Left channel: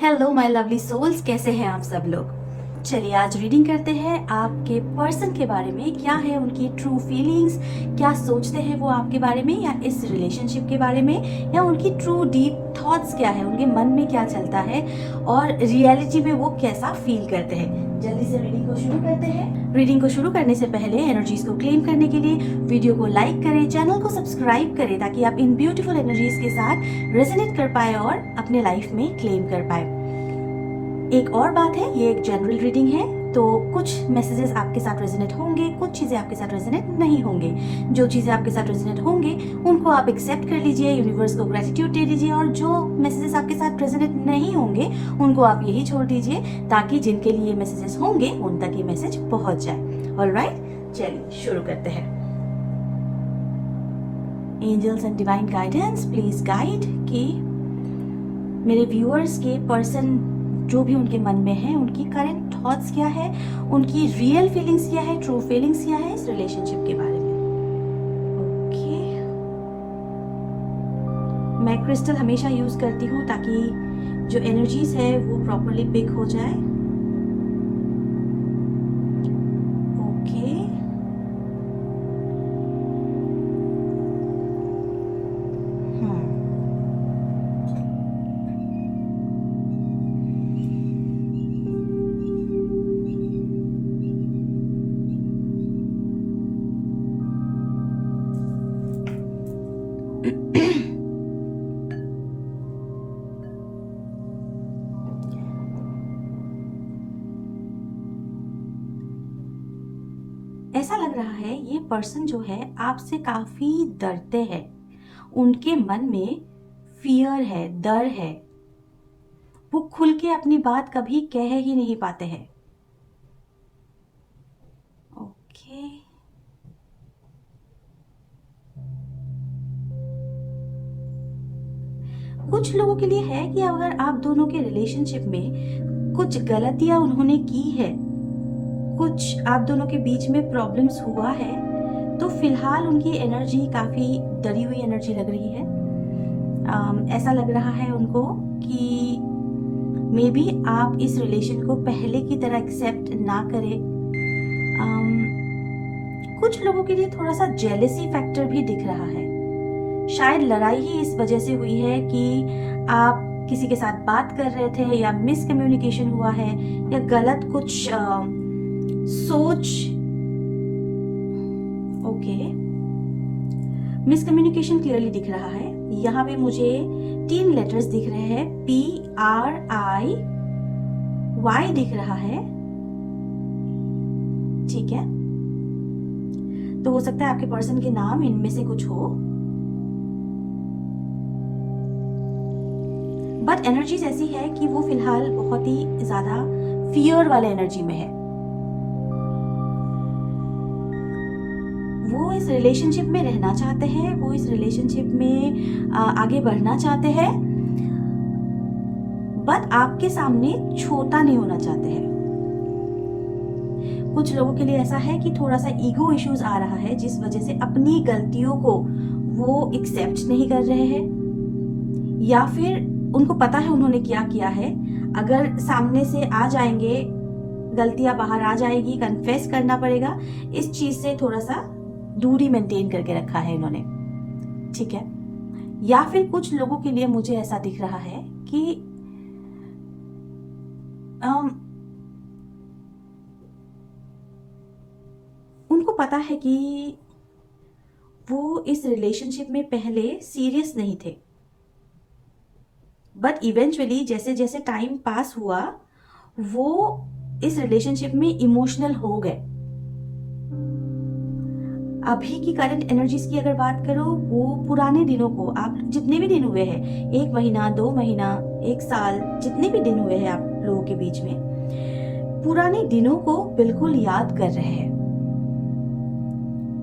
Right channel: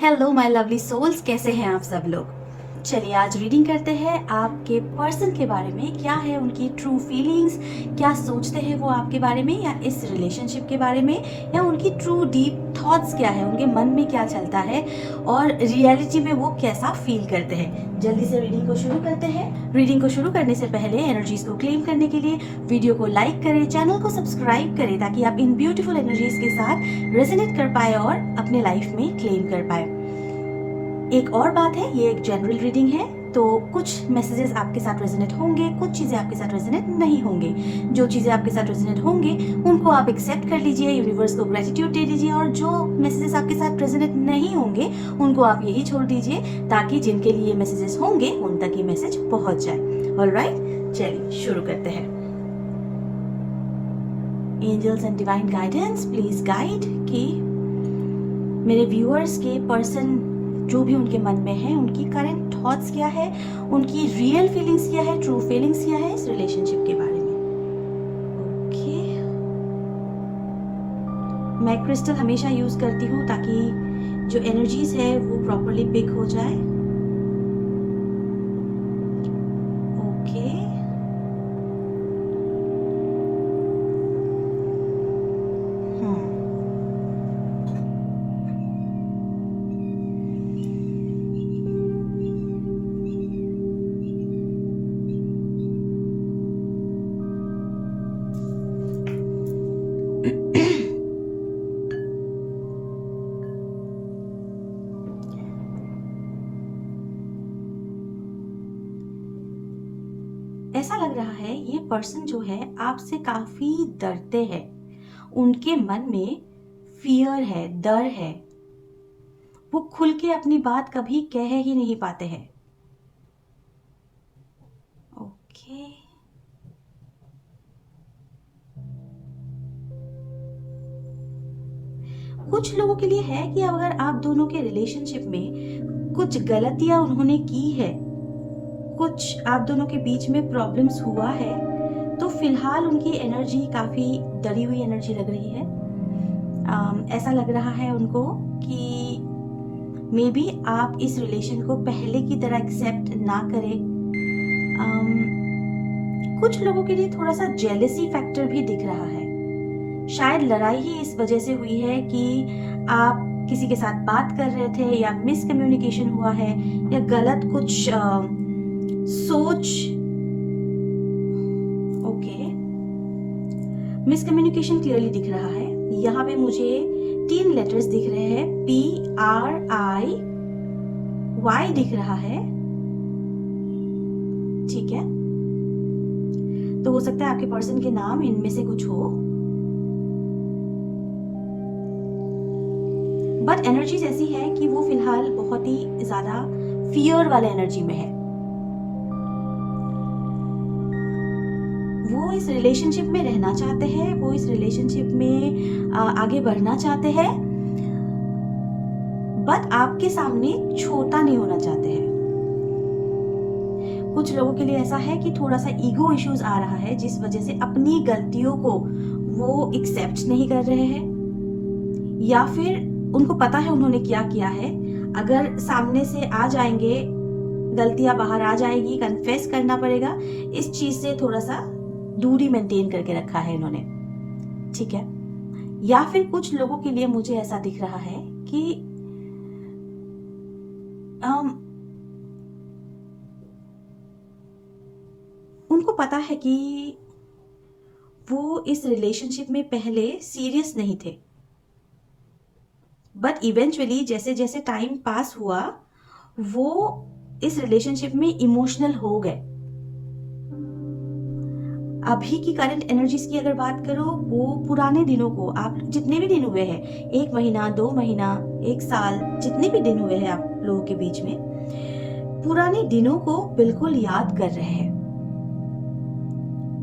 Hello my lovely souls, कैसे हैं आप सब लोग। चलिए आज रीडिंग करते हैं आपके पर्सन के बारे में। क्या है उनकी ट्रू फीलिंग्स, क्या सोचते हैं वो आपके बारे में या इस रिलेशनशिप के बारे में, या उनकी ट्रू डीप थॉट्स क्या है, उनके मन में क्या चलता है और रियलिटी में वो कैसा फील करते हैं। जल्दी से रीडिंग को शुरू करते हैं। रीडिंग को शुरू करने से पहले एनर्जीज को क्लेम करने के लिए वीडियो को लाइक करें, चैनल को सब्सक्राइब करें ताकि आप इन ब्यूटीफुल एनर्जीज के साथ रेजोनेट कर पाए और अपने लाइफ में क्लेम कर पाए। एक और बात है, ये एक जनरल रीडिंग है तो कुछ मैसेजेस आपके साथ रेजोनेट होंगे, कुछ चीज़ें आपके साथ रेजोनेट नहीं होंगे। जो चीज़ें आपके साथ रेजोनेट होंगे उनको आप एक्सेप्ट कर लीजिए, यूनिवर्स को ग्रेटिट्यूड दे दीजिए, और जो मैसेजेस आपके साथ रेजोनेट नहीं होंगे उनको आप यही छोड़ दीजिए ताकि जिनके लिए मैसेजेस होंगे उन तक ये मैसेज पहुंच जाए। ऑलराइट, चलिए शुरू करते हैं। Angels and divine guidance please guide कि मेरे व्यूअर्स के पर्सन जो भी उनके मन में है, उनकी करंट थॉट्स क्या है, उनकी रियल फीलिंग्स क्या है, ट्रू फीलिंग्स क्या है इस रिलेशनशिप के बारे में। ओके, मैं क्रिस्टल हमेशा यूज करती हूँ ताकि जो एनर्जीज है वो प्रॉपरली पिक हो जाए। ओके, ऐसा लग रहा है ये पर्सन जो है आपसे काफी डरते हैं। उनके मन में फियर है, डर है। वो खुल के अपनी बात कभी कह ही नहीं पाते हैं। ओके, कुछ लोगों के लिए है कि अगर आप दोनों के रिलेशनशिप में कुछ गलतियां उन्होंने की है, कुछ आप दोनों के बीच में प्रॉब्लम्स हुआ है, तो फिलहाल उनकी एनर्जी काफी डरी हुई एनर्जी लग रही है। ऐसा लग रहा है उनको कि मे बी आप इस रिलेशन को पहले की तरह एक्सेप्ट ना करें। कुछ लोगों के लिए थोड़ा सा जेलेसी फैक्टर भी दिख रहा है। शायद लड़ाई ही इस वजह से हुई है कि आप किसी के साथ बात कर रहे थे या मिसकम्युनिकेशन हुआ है या गलत कुछ सोच। ओके, मिसकम्युनिकेशन क्लियरली दिख रहा है। यहाँ पे मुझे 3 लेटर्स दिख रहे हैं, PRIY दिख रहा है। ठीक है, तो हो सकता है आपके पर्सन के नाम इनमें से कुछ हो, बट एनर्जीज ऐसी है कि वो फिलहाल बहुत ही ज्यादा फियर वाले एनर्जी में है। वो इस रिलेशनशिप में रहना चाहते हैं, वो इस रिलेशनशिप में आगे बढ़ना चाहते हैं, बट आपके सामने छोटा नहीं होना चाहते हैं। कुछ लोगों के लिए ऐसा है कि थोड़ा सा ईगो इश्यूज आ रहा है जिस वजह से अपनी गलतियों को वो एक्सेप्ट नहीं कर रहे हैं, या फिर उनको पता है उन्होंने क्या किया है, अगर सामने से आ जाएंगे गलतियां बाहर आ जाएगी, कन्फेस करना पड़ेगा। इस चीज से थोड़ा सा दूरी मेंटेन करके रखा है इन्होंने। ठीक है, या फिर कुछ लोगों के लिए मुझे ऐसा दिख रहा है कि उनको पता है कि वो इस रिलेशनशिप में पहले सीरियस नहीं थे, बट इवेंचुअली जैसे जैसे टाइम पास हुआ वो इस रिलेशनशिप में इमोशनल हो गए। अभी की करंट एनर्जीज की अगर बात करो, वो पुराने दिनों को, आप जितने भी दिन हुए हैं, 1 महीना 2 महीना 1 साल, जितने भी दिन हुए हैं आप लोगों के बीच में, पुराने दिनों को बिल्कुल याद कर रहे हैं।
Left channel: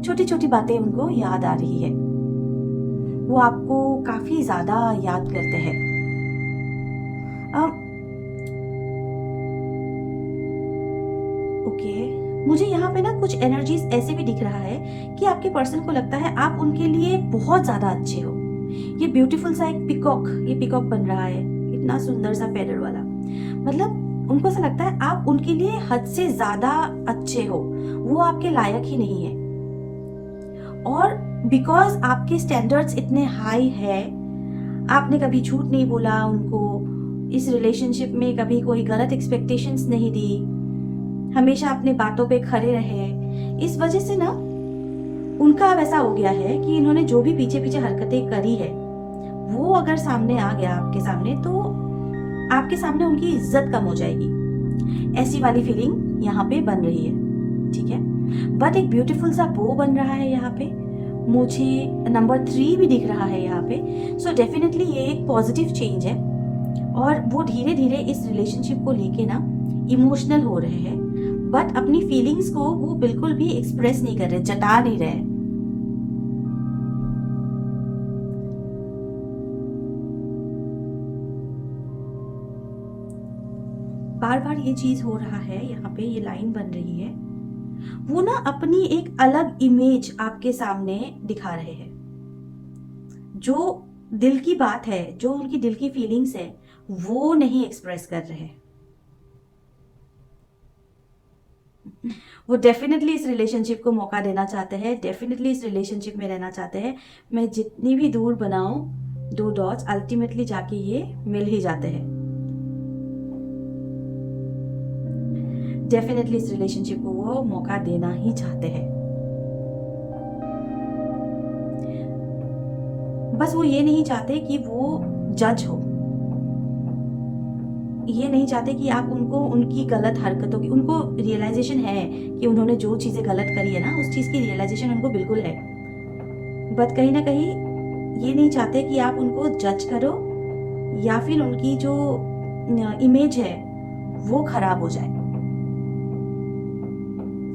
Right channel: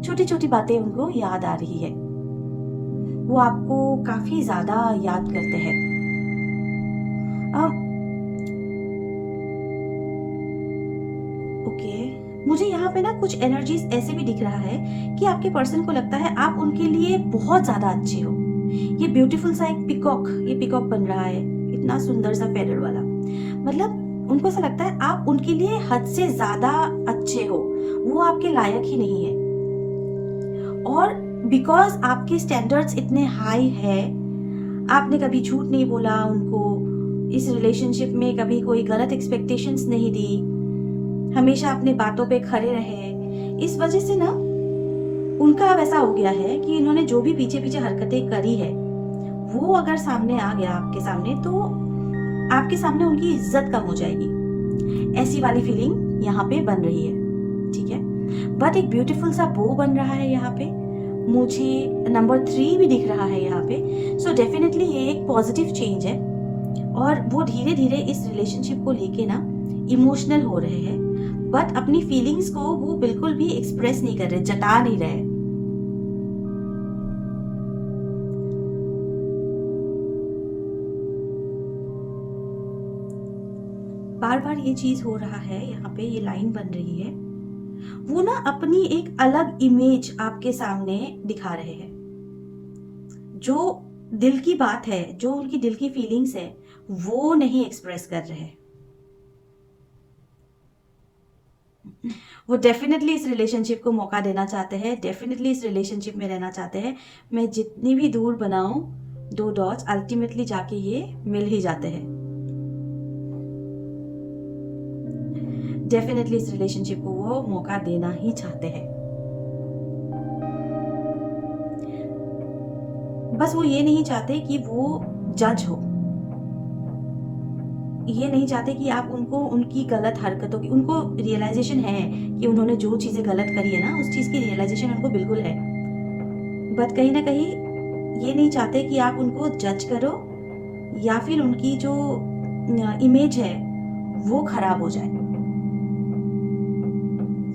छोटी छोटी बातें उनको याद आ रही है, वो आपको काफी ज्यादा याद करते हैं। ओके, मुझे यहाँ पे ना कुछ एनर्जीज ऐसे भी दिख रहा है कि आपके पर्सन को लगता है आप उनके लिए बहुत ज्यादा अच्छे हो। ये ब्यूटीफुल सा एक पिकॉक, ये पिकॉक बन रहा है, इतना सुंदर सा फेदर वाला। मतलब उनको ऐसा लगता है आप उनके लिए हद से ज्यादा अच्छे हो, वो आपके लायक ही नहीं है। और बिकॉज आपके स्टैंडर्ड्स इतने हाई है, आपने कभी झूठ नहीं बोला उनको, इस रिलेशनशिप में कभी कोई गलत एक्सपेक्टेशंस नहीं दी, हमेशा अपने बातों पे खड़े रहे। इस वजह से ना उनका अब ऐसा हो गया है कि इन्होंने जो भी पीछे पीछे हरकतें करी है वो अगर सामने आ गया आपके सामने, तो आपके सामने उनकी इज्जत कम हो जाएगी। ऐसी वाली फीलिंग यहाँ पे बन रही है, ठीक है। बट एक ब्यूटीफुल सा बो बन रहा है यहाँ पे, मुझे नंबर 3 भी दिख रहा है यहाँ पे। सो डेफिनेटली ये एक पॉजिटिव चेंज है और वो धीरे धीरे इस रिलेशनशिप को लेके ना इमोशनल हो रहे हैं, बट अपनी फीलिंग्स को वो बिल्कुल भी एक्सप्रेस नहीं कर रहे, जता नहीं रहे। बार बार ये चीज हो रहा है, यहाँ पे ये लाइन बन रही है, वो ना अपनी एक अलग इमेज आपके सामने दिखा रहे हैं। जो दिल की बात है, जो उनकी दिल की फीलिंग्स है, वो नहीं एक्सप्रेस कर रहे हैं। वो डेफिनेटली इस रिलेशनशिप को मौका देना चाहते हैं, डेफिनेटली इस रिलेशनशिप में रहना चाहते हैं। मैं जितनी भी दूर बनाऊं 2 डॉट्स, अल्टीमेटली जाके ये मिल ही जाते हैं। डेफिनेटली इस रिलेशनशिप को वो मौका देना ही चाहते हैं। बस वो ये नहीं चाहते कि वो जज हो, ये नहीं चाहते कि आप उनको उनकी गलत हरकतों की, उनको रियलाइजेशन है कि उन्होंने जो चीजें गलत करी है ना, उस चीज की रियलाइजेशन उनको बिल्कुल है, बट कहीं ना कहीं ये नहीं चाहते कि आप उनको जज करो या फिर उनकी जो इमेज है वो खराब हो जाए।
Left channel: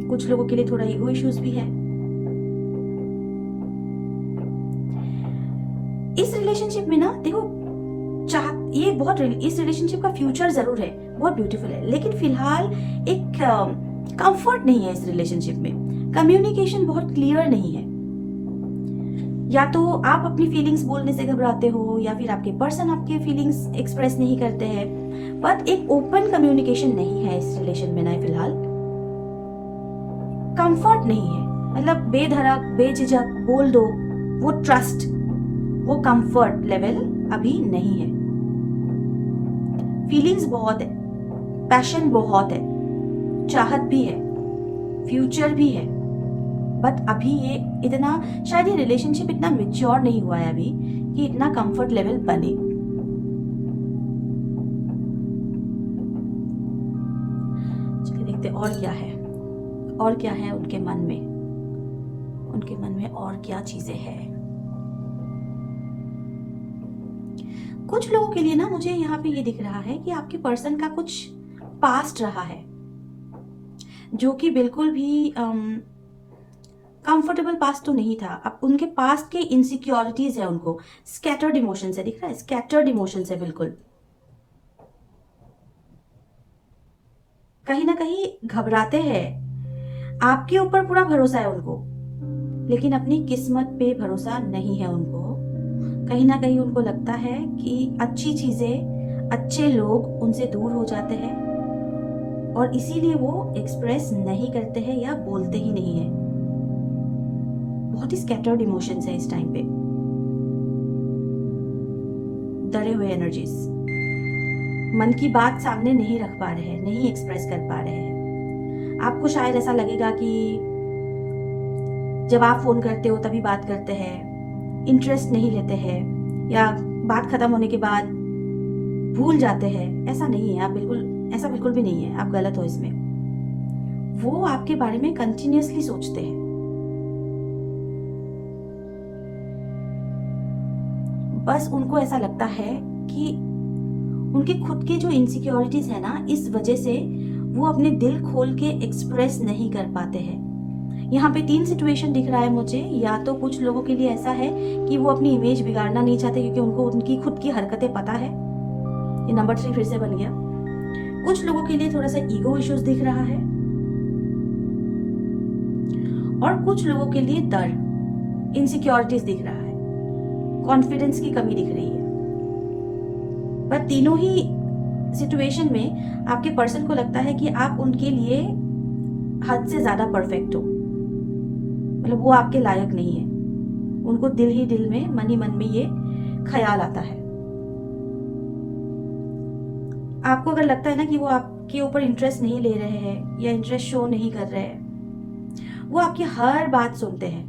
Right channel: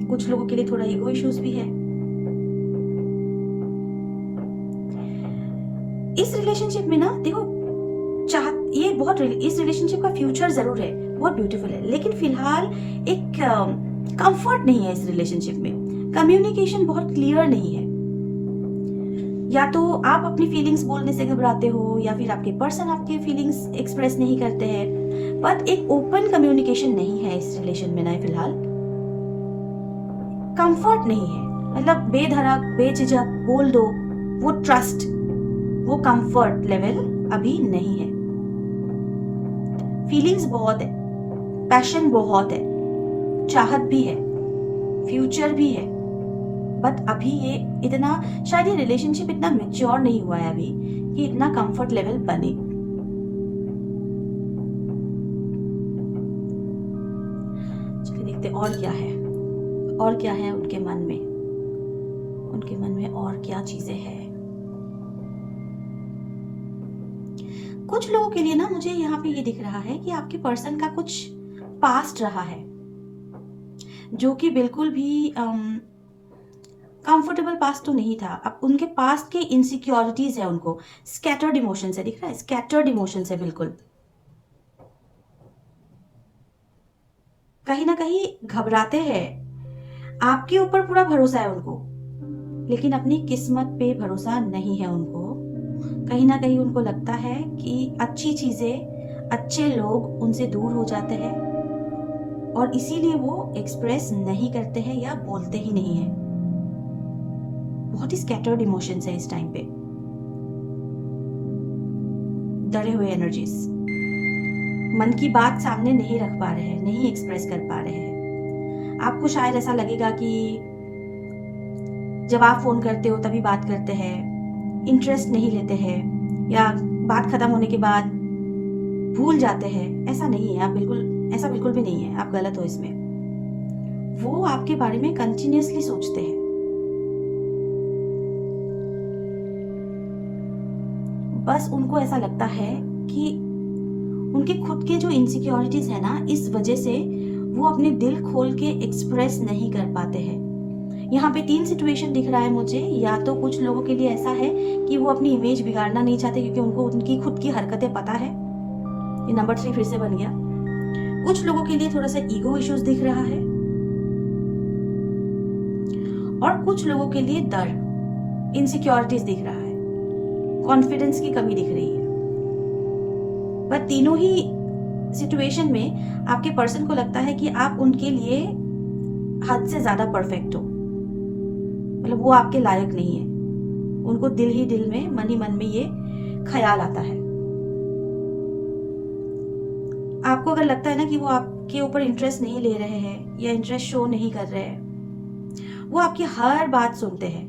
कुछ लोगों के लिए थोड़ा ईगो इश्यूज भी है। इस रिलेशनशिप में ना देखो, ये बहुत, इस रिलेशनशिप का फ्यूचर जरूर है, बहुत ब्यूटीफुल है, लेकिन फिलहाल एक कंफर्ट नहीं है इस रिलेशनशिप में। कम्युनिकेशन बहुत क्लियर नहीं है, या तो आप अपनी फीलिंग्स बोलने से घबराते हो या फिर आपके पर्सन आपके फीलिंग्स एक्सप्रेस नहीं करते हैं, बट एक ओपन कम्युनिकेशन नहीं है इस रिलेशन में ना फिलहाल। कंफर्ट नहीं है, मतलब बेधड़क बेझिझक बोल दो, वो ट्रस्ट, वो कंफर्ट लेवल अभी नहीं है। फीलिंग्स बहुत है, पैशन बहुत है, चाहत भी है, फ्यूचर भी है, बट अभी ये इतना, शायद ये रिलेशनशिप इतना मैच्योर नहीं हुआ है अभी कि इतना कंफर्ट लेवल बने। चलिए देखते और क्या है, और क्या है उनके मन में, उनके मन में और क्या चीजें हैं। कुछ लोगों के लिए ना मुझे यहाँ पे ये दिख रहा है कि आपके पर्सन का कुछ पास्ट रहा है जो कि बिल्कुल भी कंफर्टेबल पास्ट तो नहीं था। अब उनके पास्ट के इनसिक्योरिटीज है, उनको स्कैटर्ड इमोशंस है, दिख रहा है, स्कैटर्ड इमोशंस है बिल्कुल। कहीं ना कहीं घबराते हैं, आपके ऊपर पूरा भरोसा है उनको, लेकिन अपनी किस्मत पे भरोसा नहीं है उनको। कहीं ना कहीं उनको लगता है कि अच्छी चीजें, अच्छे लोग उनसे दूर हो जाते हैं और इसीलिए वो एक्सप्रेस नहीं करते हैं या बोलते ही नहीं है। बहुत ही स्कैटर्ड इमोशंस है इस टाइम पे, डरे हुए एनर्जीज, मन की बात सामने नहीं रख पा रहे हैं, नहीं एक्सप्रेस कर पा रहे हैं। आपको शायद ऐसा लगेगा कि जब आप फोन करते हो तभी बात करते हैं, इंटरेस्ट नहीं लेते हैं, या बात खत्म होने के बाद भूल जाते हैं। ऐसा नहीं है, आप बिल्कुल, ऐसा बिल्कुल भी नहीं है, आप गलत हो इसमें। वो आपके बारे में कंटिन्यूअसली सोचते हैं, बस उनको ऐसा लगता है कि उनके खुद के जो इनसिक्योरिटीज है ना, इस वजह से वो अपने दिल खोल के एक्सप्रेस नहीं कर पाते हैं। यहाँ पे 3 सिचुएशन दिख रहा है मुझे। या तो कुछ लोगों के लिए ऐसा है कि वो अपनी इमेज बिगाड़ना नहीं चाहते क्योंकि उनको उनकी खुद की हरकतें पता है, ये नंबर 3 फिर से बन गया। कुछ लोगों के लिए थोड़ा सा ईगो इश्यूज दिख रहा है, और कुछ लोगों के लिए डर, इनसिक्योरिटीज दिख रहा है, कॉन्फिडेंस की कमी दिख रही है। पर तीनों ही सिचुएशन में आपके पर्सन को लगता है कि आप उनके लिए हद से ज़्यादा परफेक्ट हो, मतलब वो आपके लायक नहीं है। उनको दिल ही दिल में, मन ही मन में ये ख्याल आता है। आपको अगर लगता है ना कि वो आपके ऊपर इंटरेस्ट नहीं ले रहे हैं या इंटरेस्ट शो नहीं कर रहे हैं, वो आपकी हर बात सुनते हैं,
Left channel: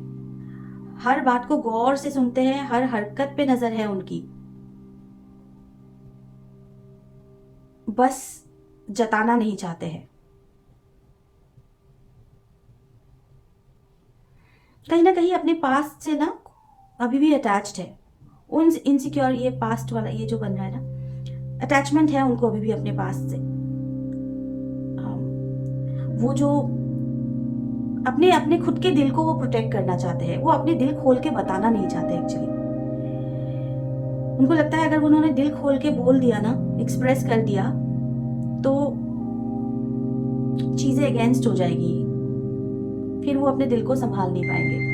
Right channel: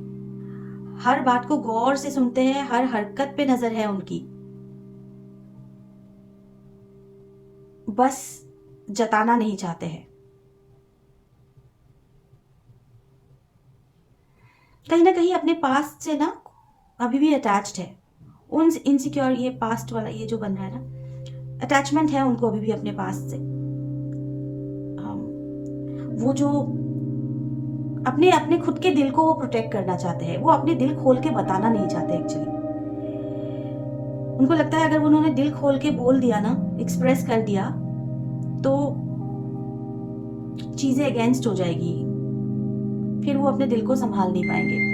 हर बात को गौर से सुनते हैं, हर हरकत पे नजर है उनकी, बस जताना नहीं चाहते हैं। कहीं ना कहीं अपने पास्ट से ना अभी भी अटैच्ड है। उन इनसिक्योर, ये पास्ट वाला ये जो बन रहा है ना, अटैचमेंट है उनको अभी भी अपने पास्ट से। वो जो अपने अपने खुद के दिल को वो प्रोटेक्ट करना चाहते हैं, वो अपने दिल खोल के बताना नहीं चाहते एक्चुअली। उनको लगता है अगर उन्होंने दिल खोल के बोल दिया ना, एक्सप्रेस कर दिया, तो चीजें अगेंस्ट हो जाएगी, फिर वो अपने दिल को संभाल नहीं पाएंगे।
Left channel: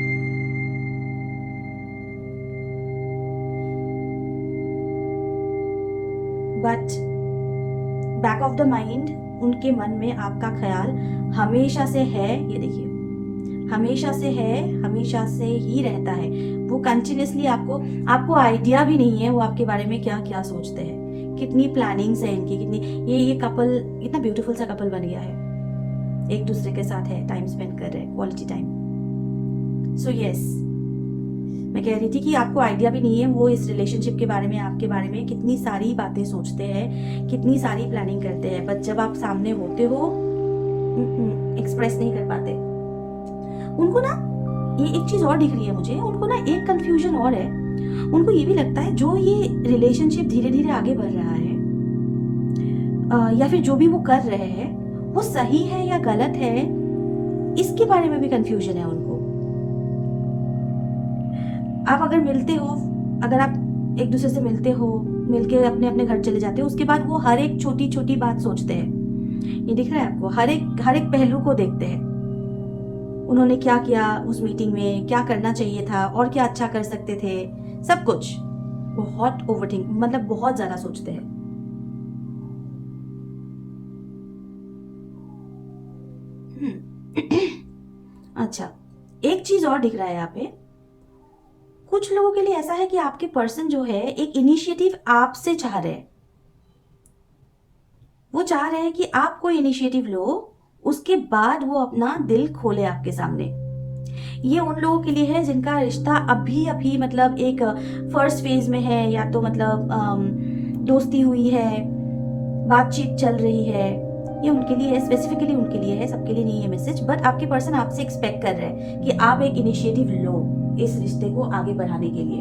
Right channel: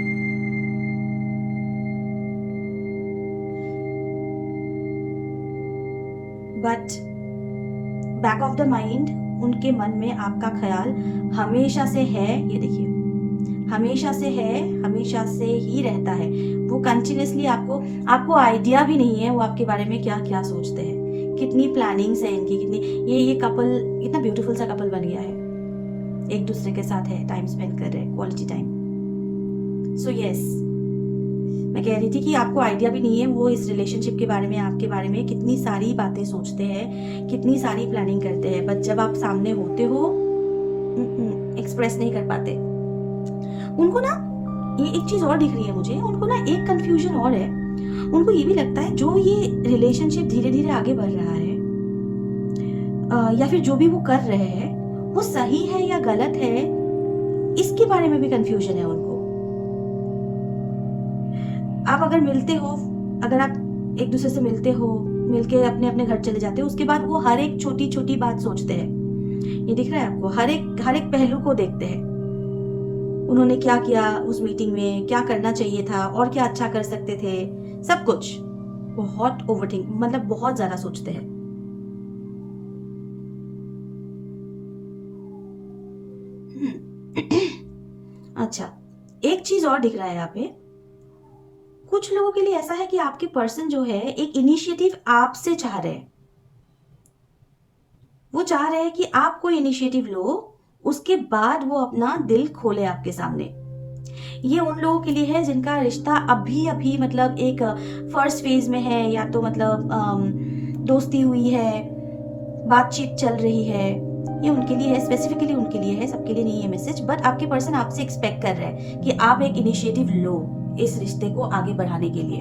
But back of the mind उनके मन में आपका ख्याल हमेशा से है, ये देखिए, हमेशा से है, हमेशा से ही रहता है। वो कंटिन्यूसली आपको आइडिया भी नहीं है वो आपके बारे में क्या क्या सोचते हैं, कितनी प्लानिंग्स है इनकी, कितनी ये कपल इतना ब्यूटीफुल सा कपल बन गया है, एक दूसरे के साथ है, टाइम स्पेंड कर रहे हैं, क्वालिटी टाइम। सो यस, मैं कह रही थी कि आपको आइडिया भी नहीं है वो इस रिलेशनशिप के बारे में, आपके बारे में कितनी सारी बातें सोचते हैं, कितनी सारी प्लानिंग करते हैं, बट जब आप सामने होते हो एक्सप्रेस नहीं कर पाते। उनको ना ये एक चीज और दिख रही है मुझे, उनको ना एक कंफ्यूजन और है। उनको ये भी लगता है जो ये रिलेशनशिप धीरे धीरे आगे बढ़ रहा है, या फिर जो भी वो कर रहे हैं वो सही है या गलत है, इसके बारे में भी कंफ्यूजन है उनको। आप अगर मिलते हो, अगर आप एक दूसरे से मिलते हो, मिलके अपने अपने घर चले जाते हो, उसके बाद वो हर एक छोटी छोटी बात सोचते हैं। ये दिख रहा है आपको, हर एक पहलू को देखते हैं। उन्होंने क्या किया उस मीटिंग में, क्या करना चाहिए था और क्या अच्छा कर सकते थे, सब कुछ बहुत ओवरथिंक, मतलब बहुत ज्यादा सोचते हैं। अच्छा, एक चीज और दिख रहा है यहाँ पे, कुछ लोगों के लिए ऐसा है कि आपके पर्सन जो है एक इनिशिएटिव आपसे चाह रहे हैं। वो चाह रहे हैं कि आप कोई इनिशिएटिव लो, उसके बाद वो अपना दिल खोले आपके सामने। ये उन लोगों के लिए है जिनका रिश्ता अभी अभी मतलब एक फर्स्ट फेज में है, या तो मतलब दोस्ती हुई है, बातचीत चल रही है। ये उनके लिए है, स्पेसिफिकली उनके लिए है, सबके लिए नहीं है मैसेज। बट आपके पर्सन आपसे एक्सपेक्ट कर रहे हैं कि आप एक इनिशिएटिव लो इस रिश्ते को आगे बढ़ाने के लिए।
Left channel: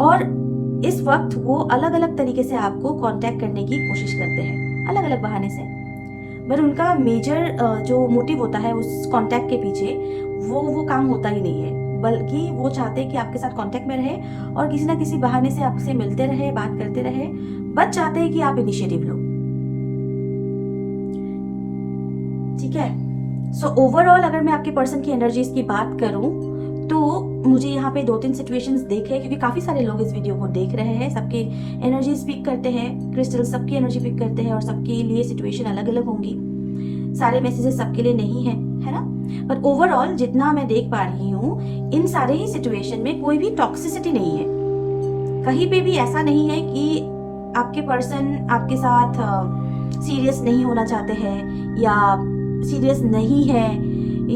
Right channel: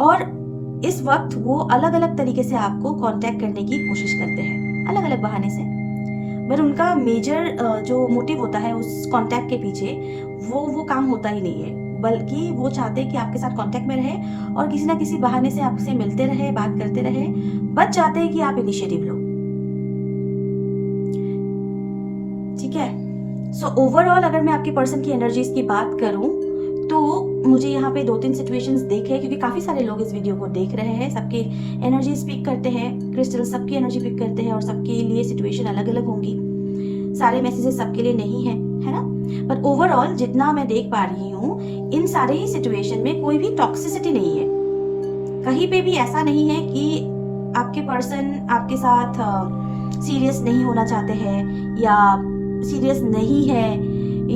और इस वक्त वो अलग अलग तरीके से आपको कांटेक्ट करने की कोशिश करते हैं, अलग अलग बहाने से। पर उनका मेजर जो मोटिव होता है उस कांटेक्ट के पीछे, वो काम होता ही नहीं है, बल्कि वो चाहते हैं कि आपके साथ कांटेक्ट में रहे और किसी ना किसी बहाने से आपसे मिलते रहे, बात करते रहे, बस चाहते हैं कि आप इनिशिएटिव लो। ठीक है। सो ओवरऑल अगर मैं आपके पर्सन की एनर्जीज की बात करूं तो मुझे यहाँ पे 2-3 सिचुएशंस देखे, क्योंकि काफी सारे लोग इस वीडियो को देख रहे हैं, सबकी एनर्जी पिक करते हैं, क्रिस्टल सबकी एनर्जी पिक करते हैं और सबके लिए सिचुएशन अलग अलग होंगी, सारे मैसेजेस सबके लिए नहीं है, है ना। पर ओवरऑल जितना मैं देख पा रही हूँ, इन सारे ही सिचुएशन में कोई भी टॉक्सिसिटी नहीं है। कहीं पे भी ऐसा नहीं है कि आपके पर्सन आपके साथ सीरियस नहीं होना चाहते हैं, या सीरियस नहीं है,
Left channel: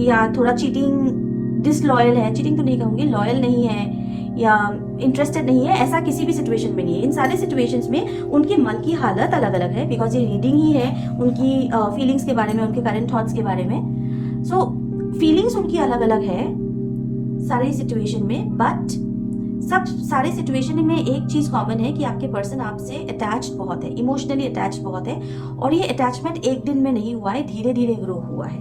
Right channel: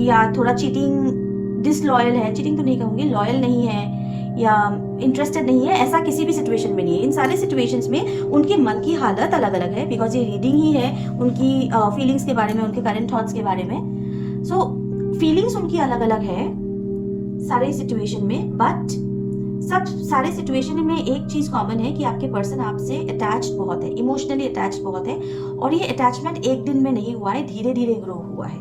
या थोड़ा चीटिंग, डिसलॉयल है, चीटिंग तो नहीं कहूंगी, लॉयल नहीं है या इंटरेस्टेड नहीं है, ऐसा किसी भी सिचुएशन में नहीं है। इन सारे सिचुएशंस में उनके मन की हालत अलग अलग है, बिकॉज ये रीडिंग ही है उनकी फीलिंग्स के बारे में, उनके करंट थॉट्स के बारे में। सो फीलिंग्स उनकी अलग अलग है सारे सिचुएशन में, बट सब सारे सिचुएशन में एक चीज कॉमन है कि आपके पर्सन आपसे अटैच्ड बहुत है, इमोशनली अटैच्ड बहुत है, और ये अटैचमेंट एक दिन में नहीं हुआ है, धीरे धीरे ग्रो हुआ है।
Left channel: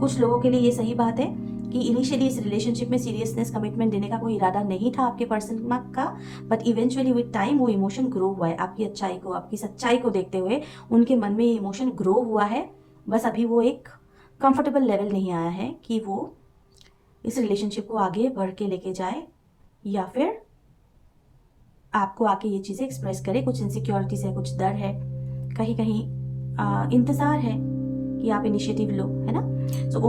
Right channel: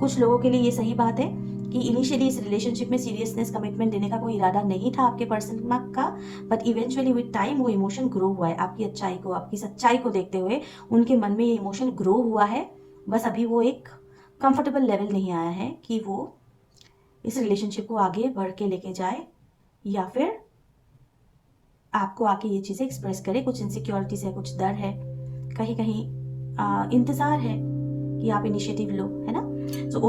कुछ लोगों के लिए ये सही बात है कि इनिशियली इस रिलेशनशिप में सीरियसनेस, कमिटमेंट देने का कोई इरादा नहीं था आपके पर्सन का, बट इवेंचुअली विद टाइम वो इमोशन ग्रो हुआ है। आपकी अच्छाई को, आपकी सच्चाई को देखते हुए उनके मन में ये इमोशन ग्रो हुआ है। बस अभी वो एक कंफर्टेबल लेवल नहीं आया है कि वो इस रिलेशनशिप को आगे बढ़ के लेके जाए, या फिर आपको आके ये चीज़ें एक्सप्रेस करे। कुछ इनसिक्योरिटीज है, कुछ डर है, कहीं कहीं इंतज़ार है कि आप इनिशिएटिव लो, है ना। सो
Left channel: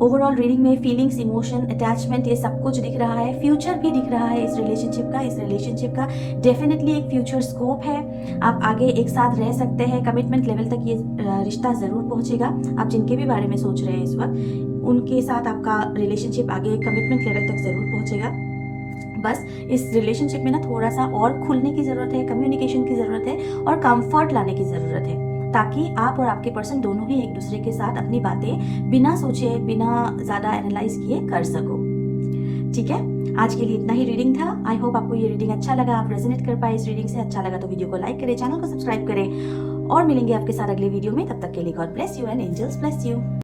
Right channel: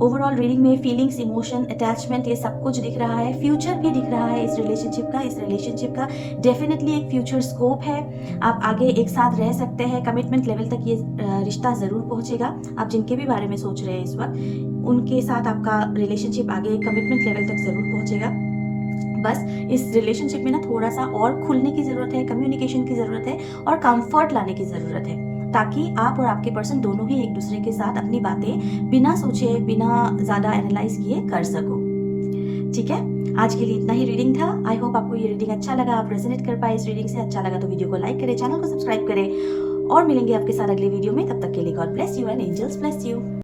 ओवरऑल रीडिंग में फीलिंग्स, इमोशन, अटैचमेंट ये सब कुछ दिख रहा है। फ्यूचर भी दिख रहा है इस रिलेशनशिप का डेफिनेटली एक फ्यूचर स्कोप है। आप आगे एक साथ रह सकते हैं, कमिटमेंट लेवल तक ये रिश्ता ज़रूर पहुंचेगा। आप जिनके भी बारे में सोच रहे हैं इस वक्त, उनके साथ आपका रिलेशनशिप आगे कमिटमेंट लेवल तक ज़रूर पहुंचेगा। बस इस रिलेशनशिप में ना थोड़ा सा और खुलने की ज़रूरत है, कम्युनिकेशन की ज़रूरत है और कंफर्ट लाने की ज़रूरत है, ताकि आप और आपके पर्सन दोनों ही एक दूसरे के साथ अपनी बातें बिना सोचे, बिना ज़्यादा एनालाइज किए कर सको। ठीक है, आज के लिए इतना ही रीडिंग था। आई होप आपको ये रीडिंग अच्छा लगा, आप रेजोनेट कर पाए इस रीडिंग से। अच्छा लगा तो वीडियो को लाइक करें, चैनल को सब्सक्राइब करें और मिलेंगे आपके साथ अगले वीडियो में। तब तक के लिए God bless you and angels bless you.